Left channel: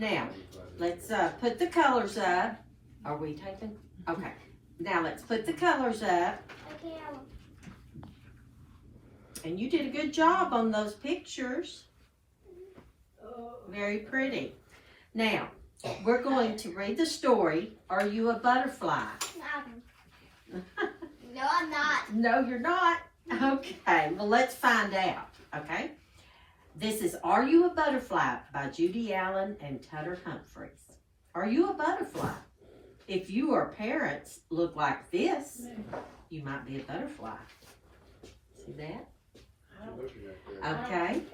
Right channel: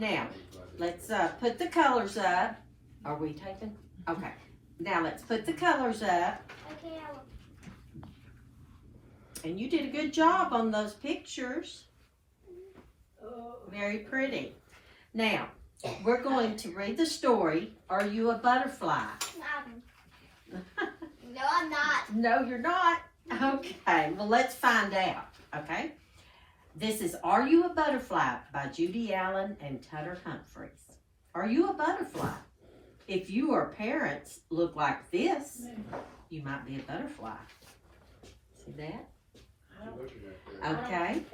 Now, let's put the colors up. Are we taking? Okay. Now let's put the colors up. And you did a good job on those pictures. Very pretty. Now, we're going to read the story. Are you a butterfly? No, I'm not. No, you're not. Okay, well, let's find out. Okay? This is Are You a Butterfly by Judy Allen and Tutter Humphreys. Are you a butterfly? If your parents look like this, you might be a butterfly. See that? Okay.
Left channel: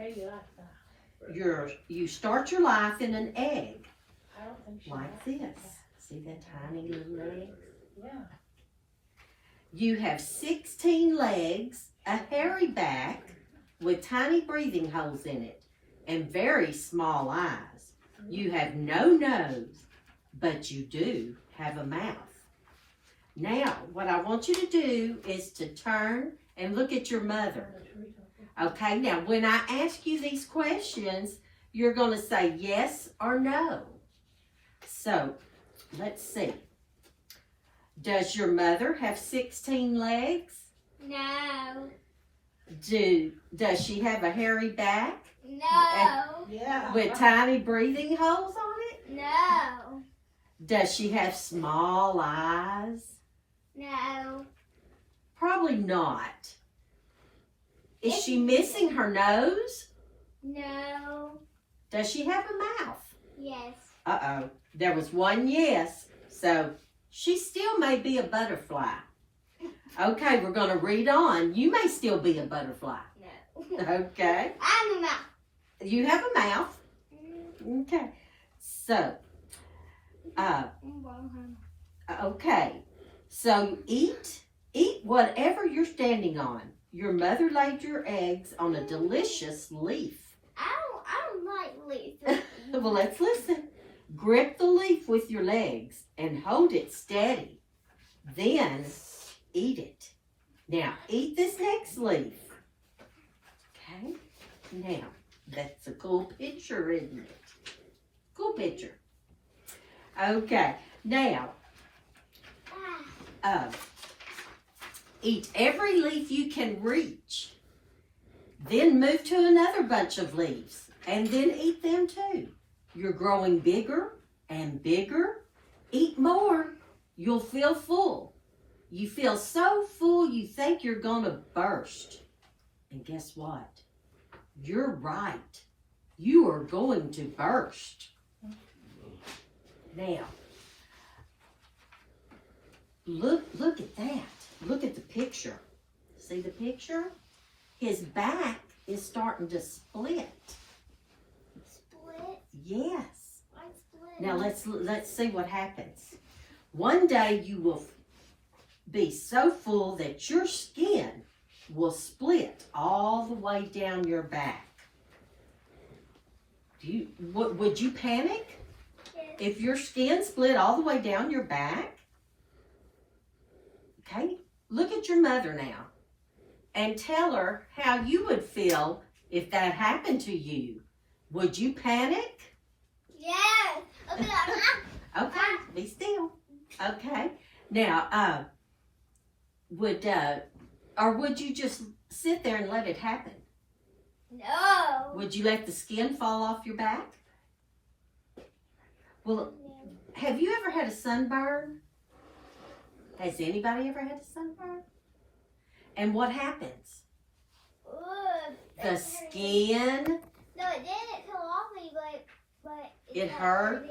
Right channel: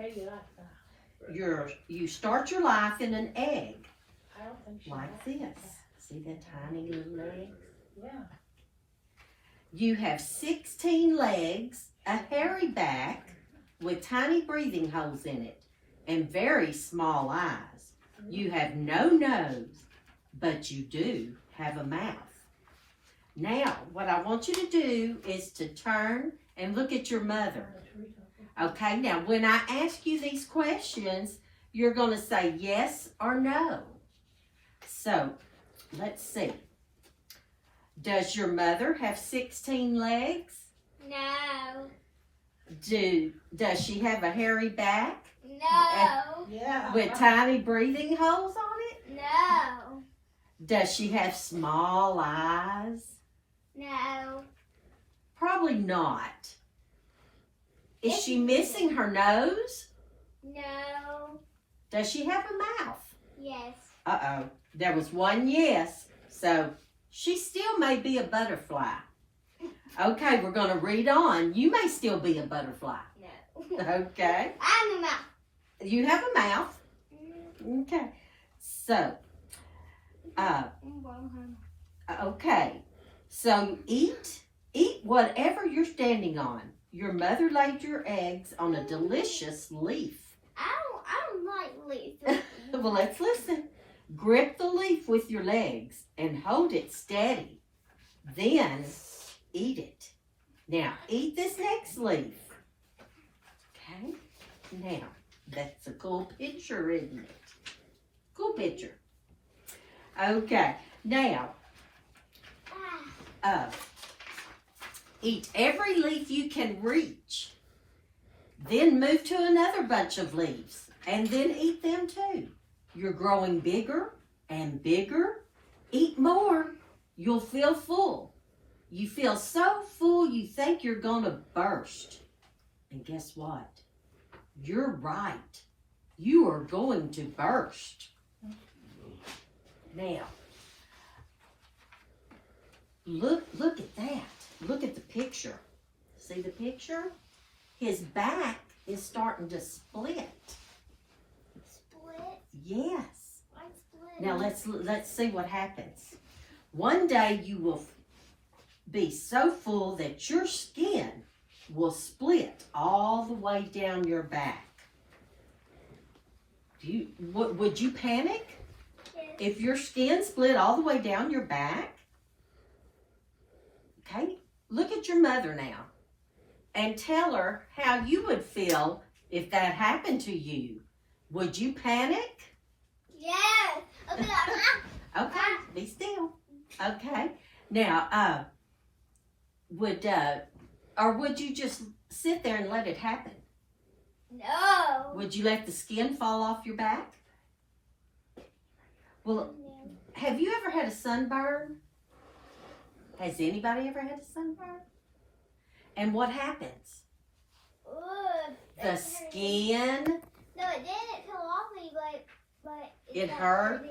You start your life in an egg, like this. See that tiny little egg? You have 16 legs, a hairy back with tiny breathing holes in it, and very small eyes. You have no nose, but you do have a mouth. Now, what I want you to do is to turn and look at your mother. Okay, now when I ask you these questions, you're going to say yes or no. So, let's see. Does your mother have 16 legs? No. Does she have a hairy back? No. With tiny breathing holes on it? No. Does she have small eyes? No. Probably not. Is she missing her nose? No. Does she have a mouth? Yes. Uh-oh. There was one yes. So she still may be a butterfly. Okay, we're going to read on. You may still be a butterfly. No. Okay. I'm a mouth. You have a mouth. Okay. So, okay. So eat whatever you're standing on. Your mother laid your eggs on a delicious leaf. I don't like leaves. Well, let's listen. Grip the leaf with your legs and hold it steady. Then eat it. Now, eat this next leaf. Okay? Now, that's a cool picture, isn't it? Cool picture. Okay. Now, eat every leaf you can reach. Then move to another bunch of leaves and then eat them too. You're growing bigger and bigger. Eat more. You'll feel full. You feel so full you think you're going to burst. And guess what? You're right. You are going to burst. Now, look at that. Look at the picture. See the picture? His back is starting to split. Split? Yes. What's split? Now let's see what happens. One day you will be so full that your skin will split all the way down your back. Would you panic if your skin split all the way down your back? Okay, look at your mother now and tell her how you would feel if that happened to you. Would you panic? Yes. Okay. Okay, be still. Okay. Now, would you just sit there and let it happen? No. Would you let the skin fall off your back? Well, have you ever had a sunburn? Has anybody ever had a sunburn? And what happens? The skin, No, it didn't come off me, but it hurt.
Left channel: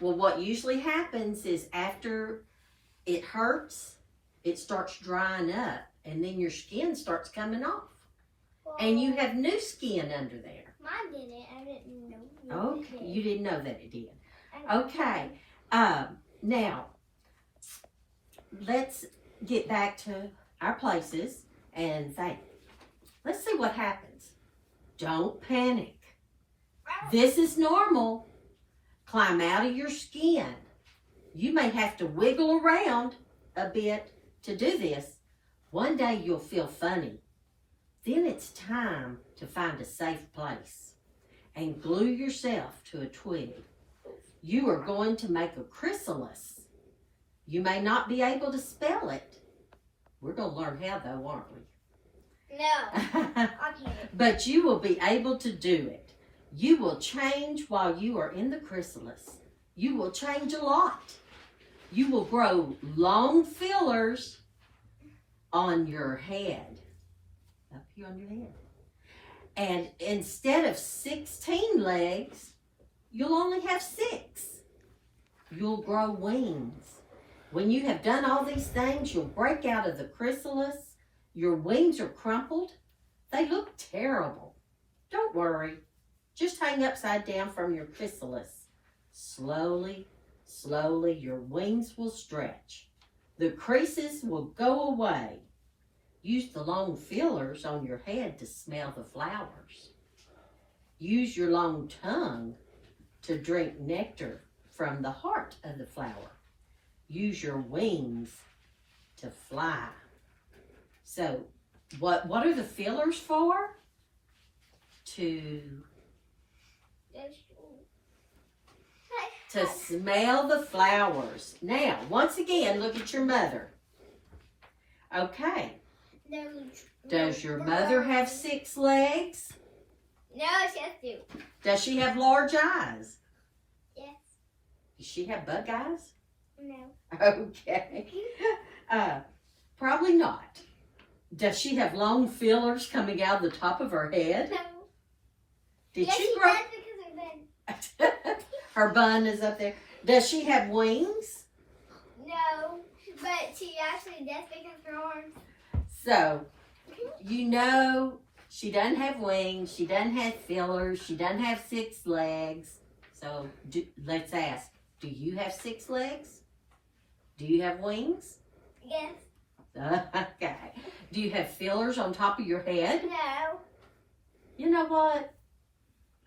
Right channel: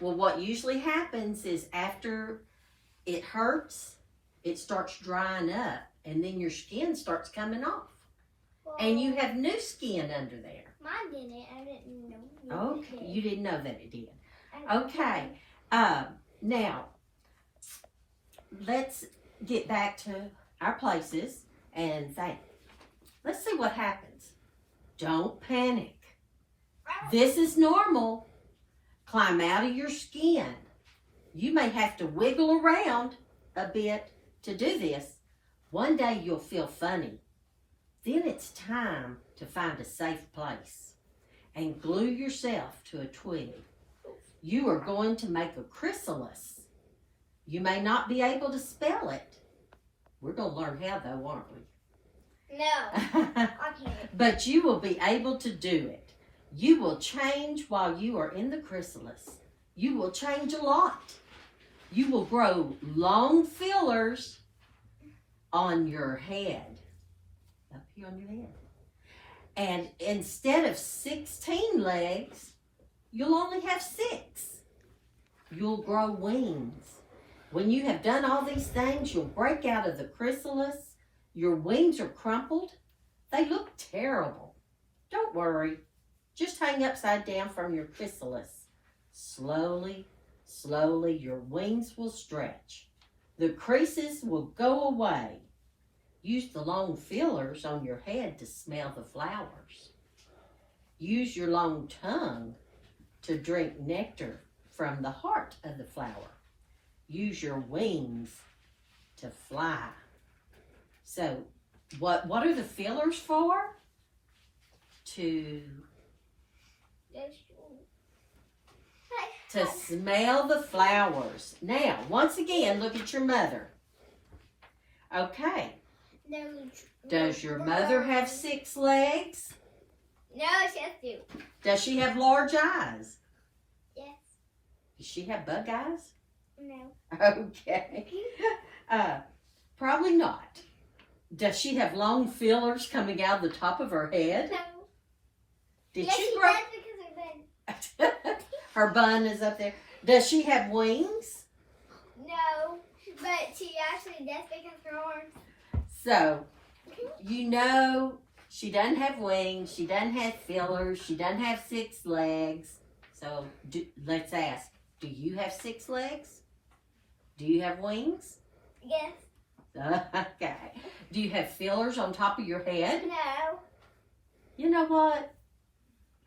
Well, what usually happens is after it hurts, it starts drying up, and then your skin starts coming off. And you have new skin under there. Mine didn't. I didn't know. Okay, you didn't know that it did. Okay, now, let's get back to our places and think. Let's see what happens. Don't panic. This is normal. Climb out of your skin. You may have to wiggle around a bit to do this. One day you'll feel funny. Then it's time to find a safe place and glue yourself to a twig. you are going to make a chrysalis. You may not be able to spell it. We're going to learn how though, aren't we? No. Okay. But you will be able to do it. You will change while you are in the chrysalis. You will change a lot. You will grow long fillers on your head. Up here on your head. And instead of 16 legs, you'll only have 6. You'll grow wings. When you have done all these things, you'll break out of the chrysalis. Your wings are crumpled. They look terrible. Don't worry. Just hang upside down from your chrysalis. Slowly, slowly, your wings will stretch. The creases will go away. Use the long feelers on your head to smell the flowers. Use your long tongue to drink nectar from the heart of the flower. Use your wings to fly. So, what are the feelers for? To smell the flowers. Now, once again, look at your mother. Okay. Does your mother have 6 legs? No, she has 2. Does she have large eyes? Yes. Does she have bug eyes? No. Okay. Probably not. Does she have long fillers coming out of the top of her head? No. Did Yes, she she grow? does because of that. Her bun is up there. Does she have wings? No, but she actually does because of her arms. So, you know, she doesn't have wings. She doesn't have fillers. She doesn't have 6 legs. So, let's ask, do you have 6 legs? Do you have wings? Yes. Okay. Do you have fillers on top of your head? No. You know what?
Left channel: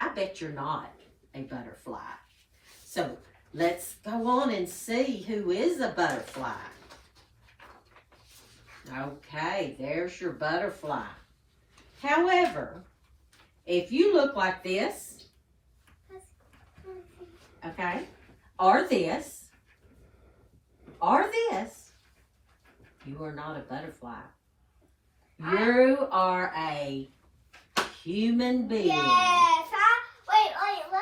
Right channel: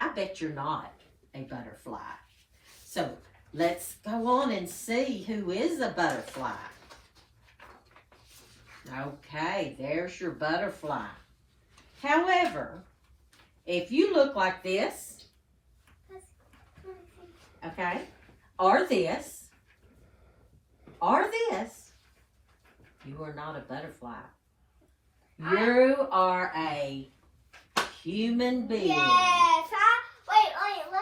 I bet you're not a butterfly. So let's go on and see who is a butterfly. Okay, there's your butterfly. However, if you look like this, okay, or this, you are not a butterfly. You are a human being. Yes. Wait, let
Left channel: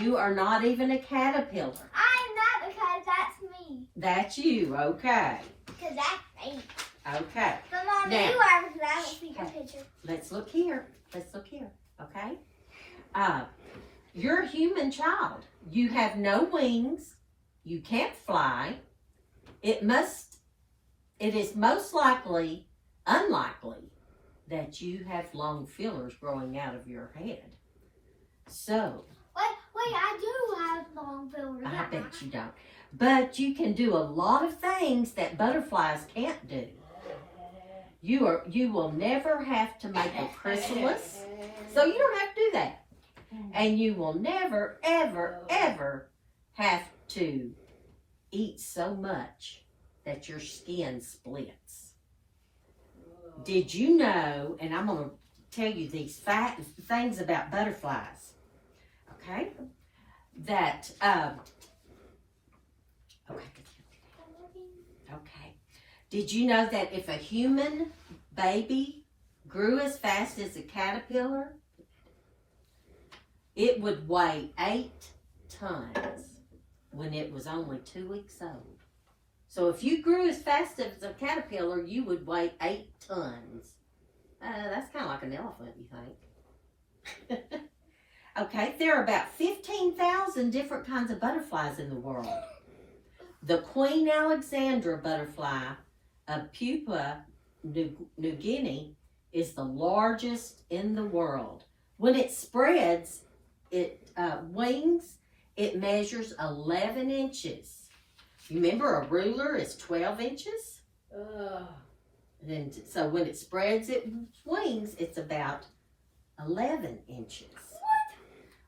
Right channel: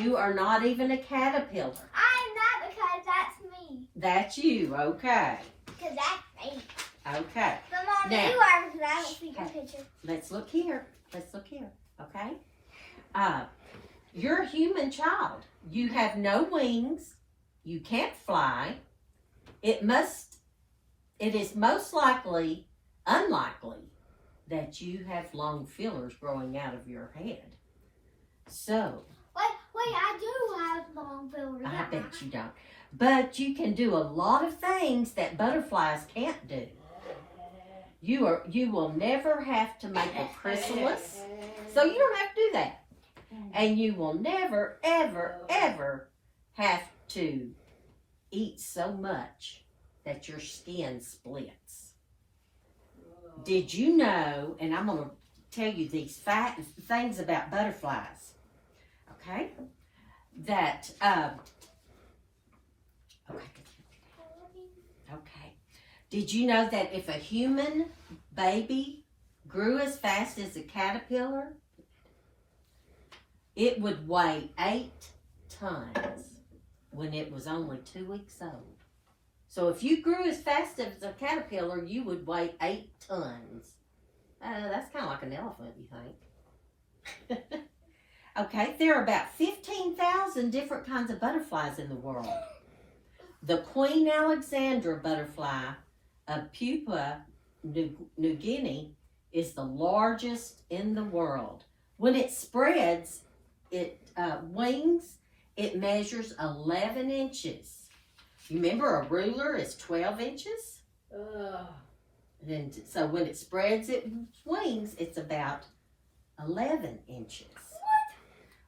me. You are not even a caterpillar. I'm not because that's me. That's you, okay. Because that's me. Okay. But Mom, Now- you are because I don't see your picture. Let's look here. Let's look here, okay? You're a human child. You have no wings. You can't fly. It is most unlikely that you have long fillers growing out of your head. So, Wait, I do have long fingers. I bet you don't. But you can do a lot of things that butterflies can't do. You will never have to make a chrysalis, so you don't have to do that. And you will never, ever, ever have to eat so much that your skin splits. Did you know, and I'm going to tell you these things about butterflies, okay? That, okay. Did you know that if a human baby grew as fast as a caterpillar, it would weigh 8 tons when it was only 2 weeks old? So if you grew as fast as a caterpillar, you would weigh 8 tons. That's kind of like an elephant, you think? Okay, there are about 15,000 different kinds of butterflies in the world. The Queen Alexandra butterfly of Papua New Guinea is the largest in the world. When it spreads its wings, it measures 11 inches. Remember, a ruler is 12 inches? And so when it spreads its wings, it's about 11 inches.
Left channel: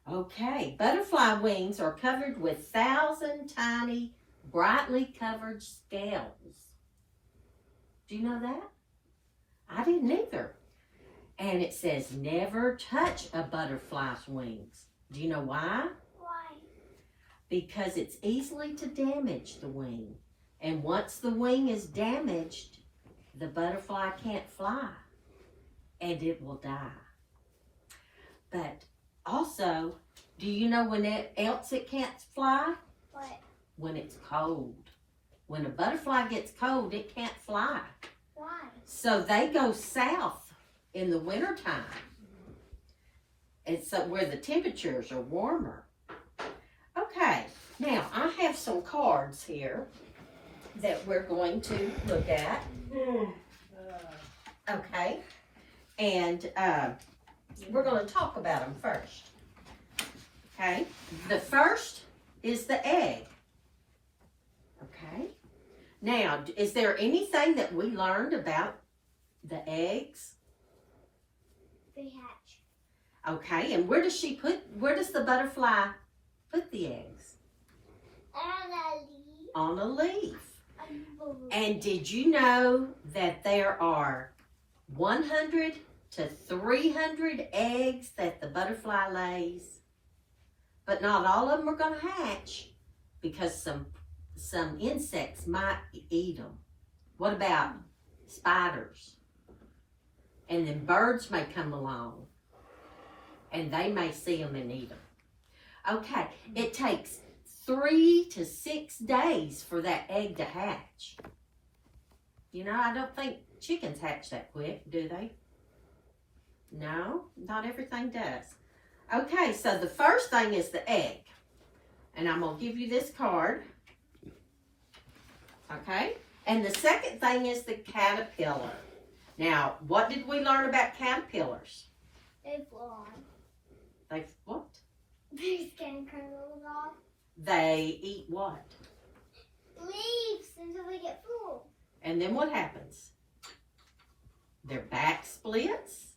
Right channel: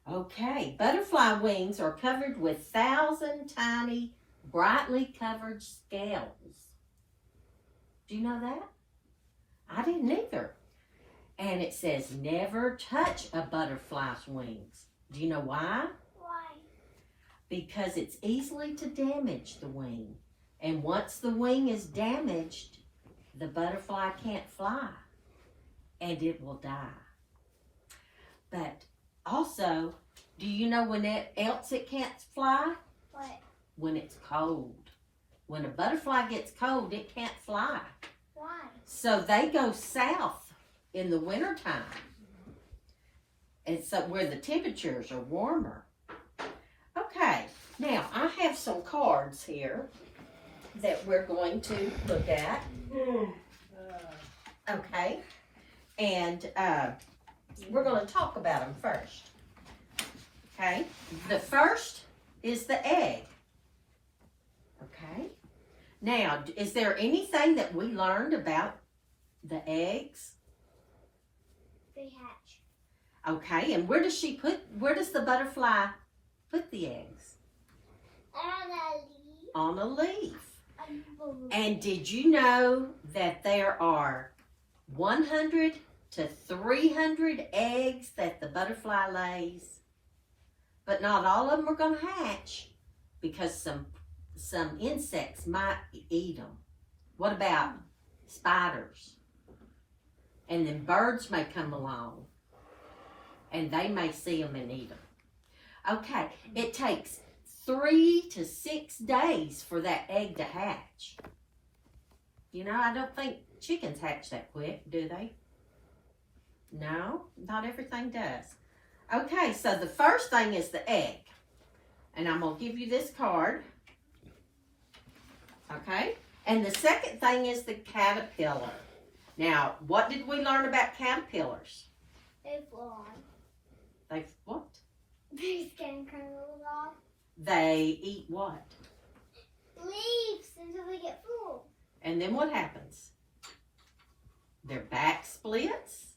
Okay, butterfly wings are covered with 1,000 tiny, brightly covered scales. Do you know that? I didn't either. And it says never touch a butterfly's wings. Do you know why? because it's easily to damage the wing. And once the wing is damaged, the butterfly can't fly and it will die. But also, do you know when else it can't fly? What? When it's cold. When a butterfly gets cold, it can't fly. Why? So they go south in the wintertime. And so where the temperatures are warmer. Okay, now I have some cards here that we're going to look at. Okay, and we're going to talk about them first. Okay, the first is the egg. Okay, now is there anything that we learned about the eggs? They hatch. Okay, and where does the butterfly put the eggs? On a leaf. And did you know that there are 100 to 300 eggs that the butterfly lays? But not all of them are going to hatch because some insects might eat them. What about spiders? And then birds may come along and they may see them and eat them. Okay, it takes 3 to 6 days for that egg to hatch. You know, I don't think chickens hatch that quick, do they? No, not everything does. Okay, so the first thing is the egg. And I'm going to give you this card. Okay, and the second thing is the caterpillar. Now, what did we learn about caterpillars? They fly. They what? They skin curls off. They eat what? Leaves until they get full. And then what happens? Their back splits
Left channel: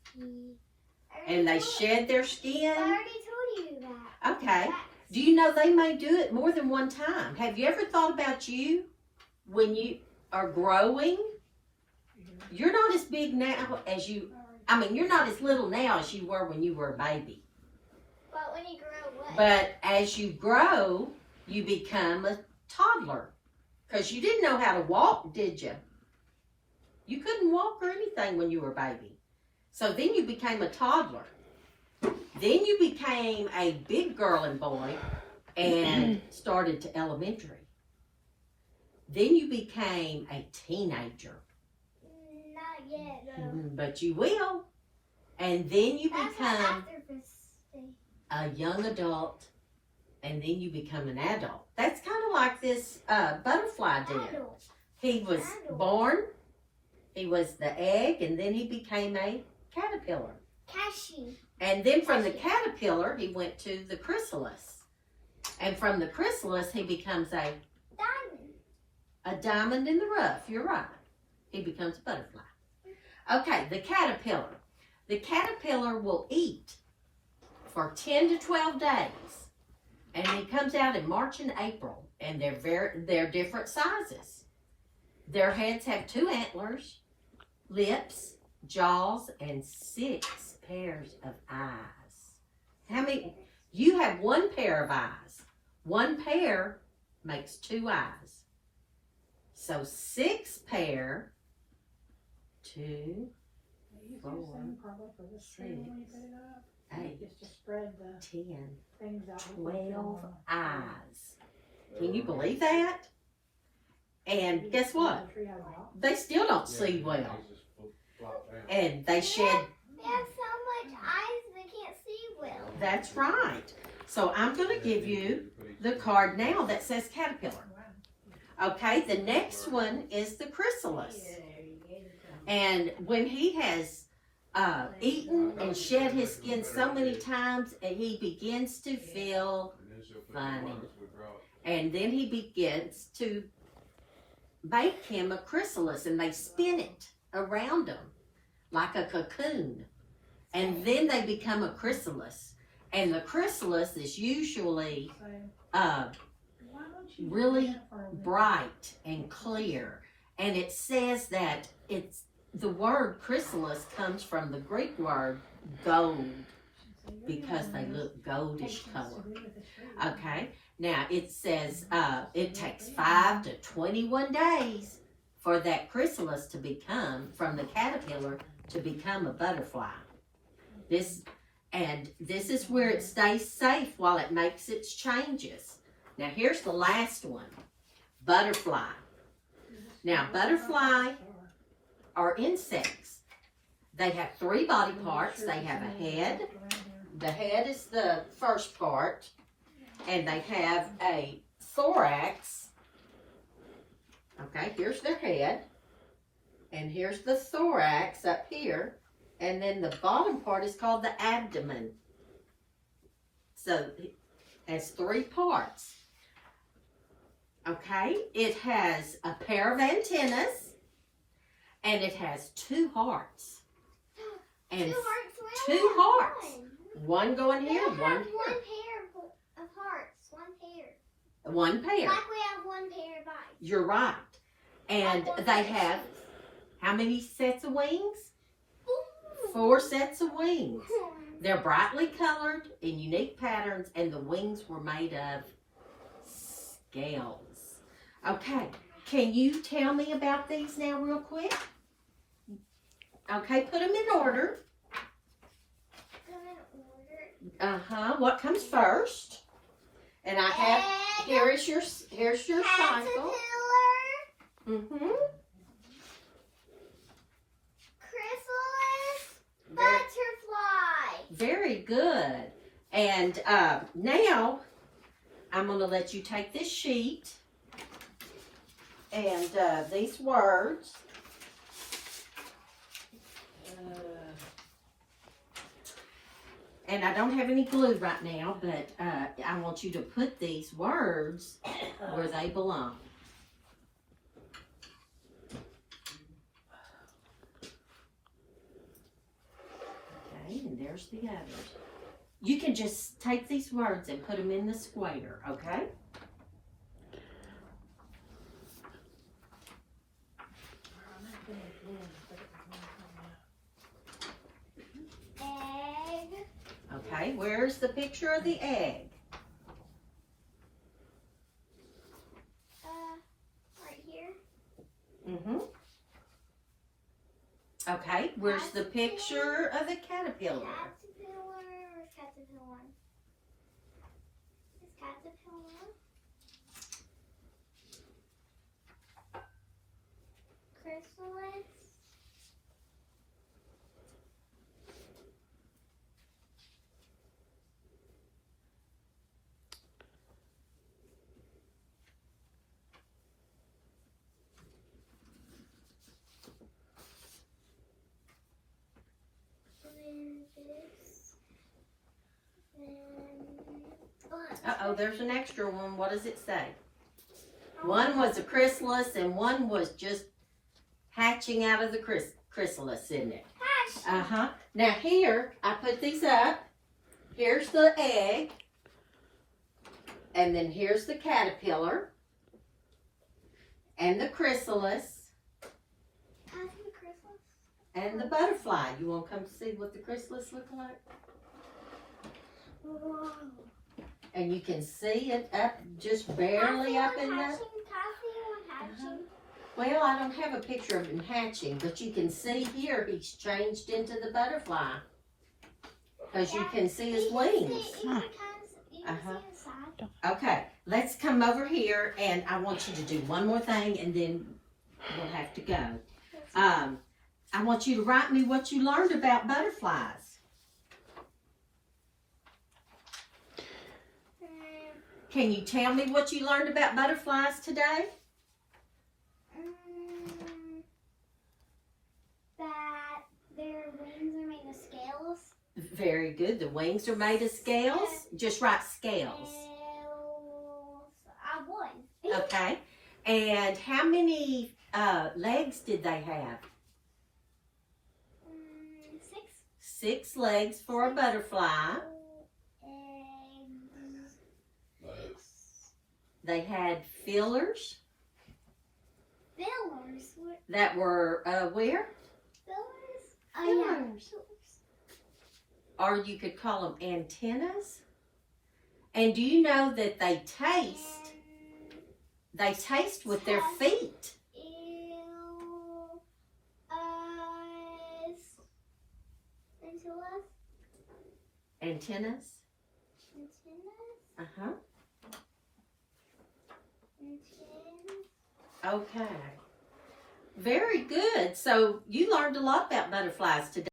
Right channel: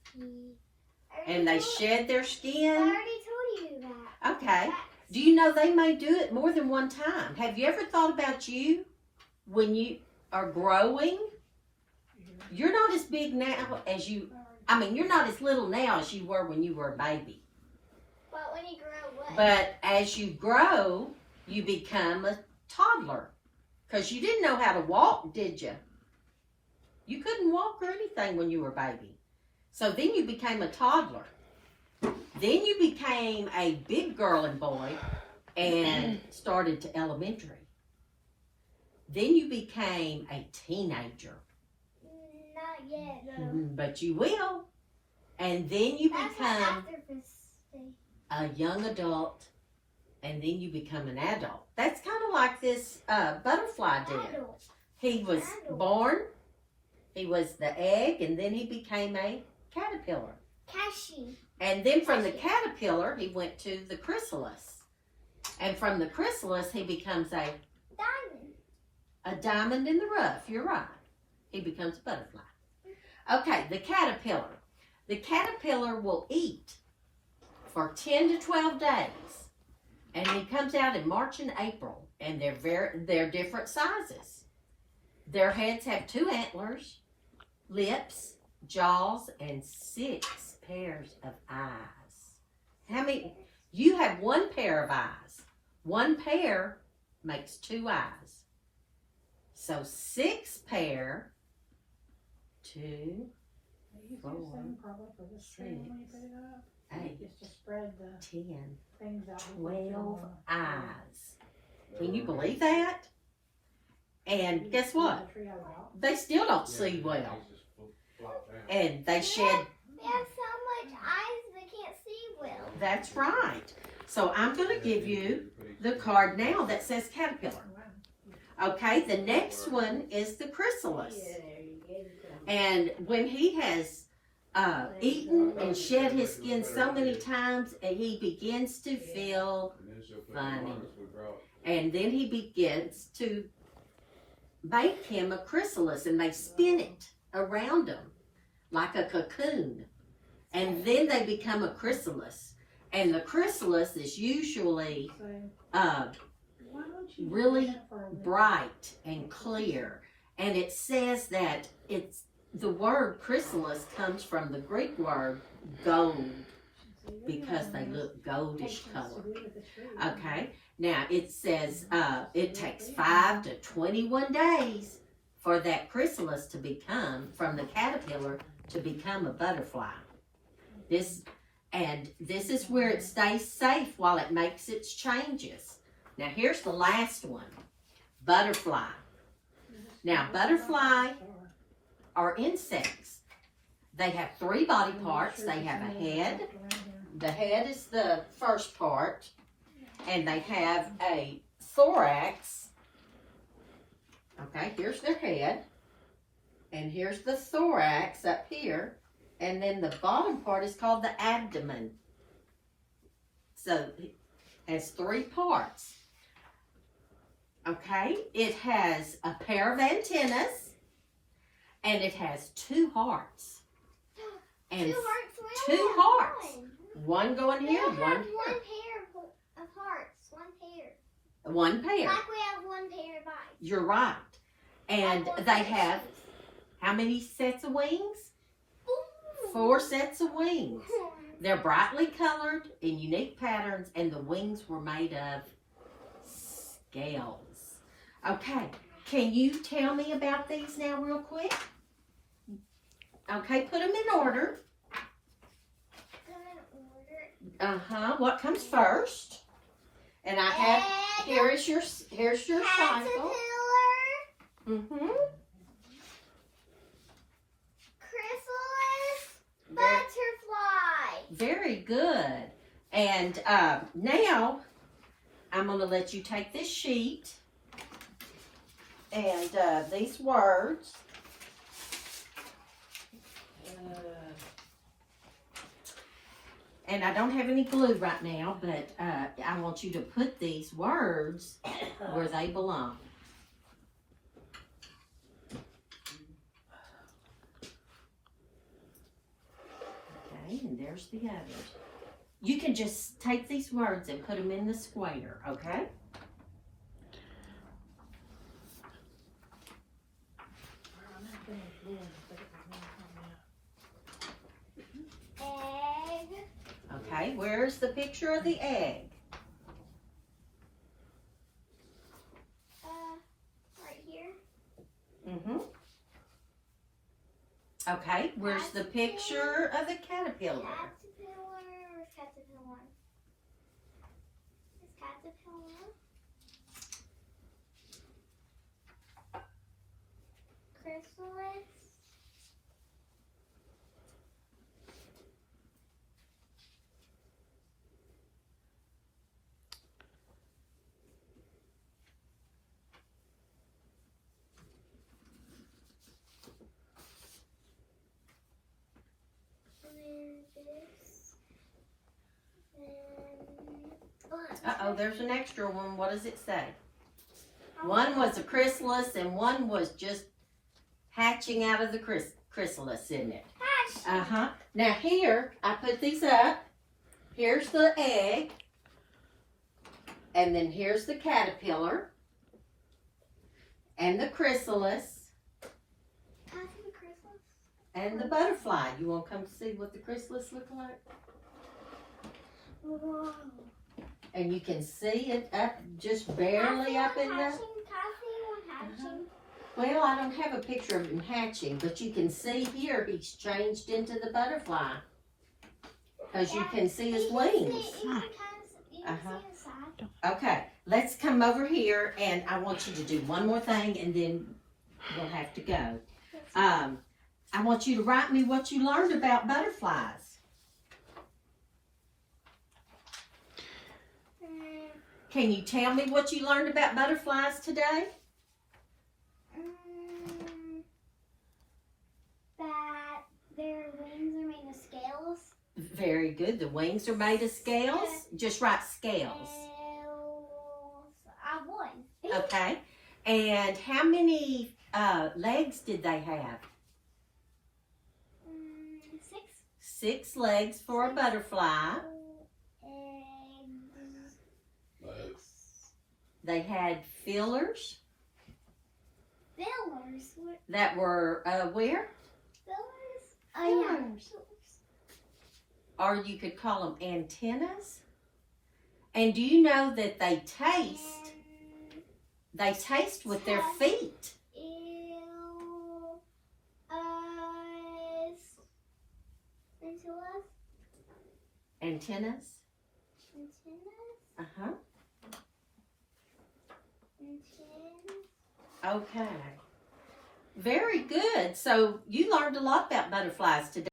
and they shed their I skin. already told you that. Okay. Do you know they may do it more than one time? Have you ever thought about you when you are growing? You're not as big now as you're not as little now as you were when you were a baby. But when you grow up, But as you grow, you become a toddler. Because you didn't know how to walk, did you? You couldn't walk or anything when you were a baby. So then you became a toddler. Then you became a big girl and boy and started to elementary. Then you became a teenager. not yet. No. But you will. And then you That's not become after this stage. a young adult, and then you become an adult. That's kind of like this butterfly did. Adult. He was born, he was the egg, and then he became a caterpillar. Cashew. And then from the caterpillar, he went to the chrysalis. And from the chrysalis, he becomes a diamond in the rough. You're right. He becomes a butterfly. Okay, the caterpillar. The caterpillar will eat for 10 to 12 days. And he comes out in March and April. And they're different sizes. Their heads have 2 antlers, lips, jaws, and 6 pairs of eyes. How many? You have 1 pair of eyes. 1 pair makes 2 eyes. So 6 pair, 2, 4, 6, 8, 10, 12 eyes. Can you believe that? And guess what? They still don't see well. And they shed. They have so much eyes they can't see well. That's right. So I'm going to give you the card now that says caterpillar. Okay, the next one is the chrysalis. And when he has eaten and shed his skin so many times, and he begins to feel funny. And then he begins to make him a chrysalis, and they spin it around him like a cocoon. And then they become a chrysalis. And the chrysalis is usually really bright and clear. And it says that the word chrysalis comes from the Greek word gold, because they look goldish color. Okay, Now it says it takes 5 to 21 days for that chrysalis to become, from the caterpillar to become a butterfly. This is where it stays safe while it makes its changes. Now here's the last one, butterfly. Now butterfly are insects. They have 3 body parts. They have a head. The head is the first part. And they have a thorax. Okay, here's their head. And here's the thorax up here. And then the bottom part is called the abdomen. So it has 3 parts. Okay, it has a pair of antennas. And it has 2 hearts. And 2 hearts. One going here, one here. One pair. Like we have one pair of eyes. You're right. And they have how many sets of wings? 4 sets of wings. They're brightly colored in unique patterns, and the wings were made of scales. Okay, can you tell me about these now real quick? Okay, put them in order. What comes first? And I have, here's your cycle. Caterpillar. Chrysalis. Butterfly. Very good. And now I'm going to let you take this sheet and these words. And I don't have any glue right now, but I want you to put these words where they belong. Okay, and there's the others. You can just take these words and put them in the square, okay? Egg. Okay, where's the picture of the egg? Right here. Okay, where's the picture of the caterpillar? Caterpillar. It's caterpillar. Chrysalis. Uh-oh, there's an extra one. What does it say? One was a chrysalis and one was just hatching out of the chrysalis, isn't it? Now here, I put these up. Here's the egg. And then here's the caterpillar. And the chrysalis. And the butterfly. You want to come see what the chrysalis look like? And you can see it up, just barely up in the... Well, I don't have a picture of him hatching, but you can see here he's changed into the butterfly. Because you can see his wings. Okay, let's come over here, and I want you to do one more thing, and then we'll have to go. I want you to write me what you learned about butterflies. Can you tell me what you learned about butterflies today? That their wings are made of scales. Very good. The wings are made of scales. Just write scales. I won. Okay. And how many legs did they have? 6. 6 legs for a butterfly. They had fillers. Fillers? That were where? Fillers? Or you could call them antennas. And do you know that they taste? They taste with their feet. Ew. Eyes. Antennas. Antennas. Antennas. Uh-huh. Antennas. Okay. Very good. So you learned a lot about butterflies today.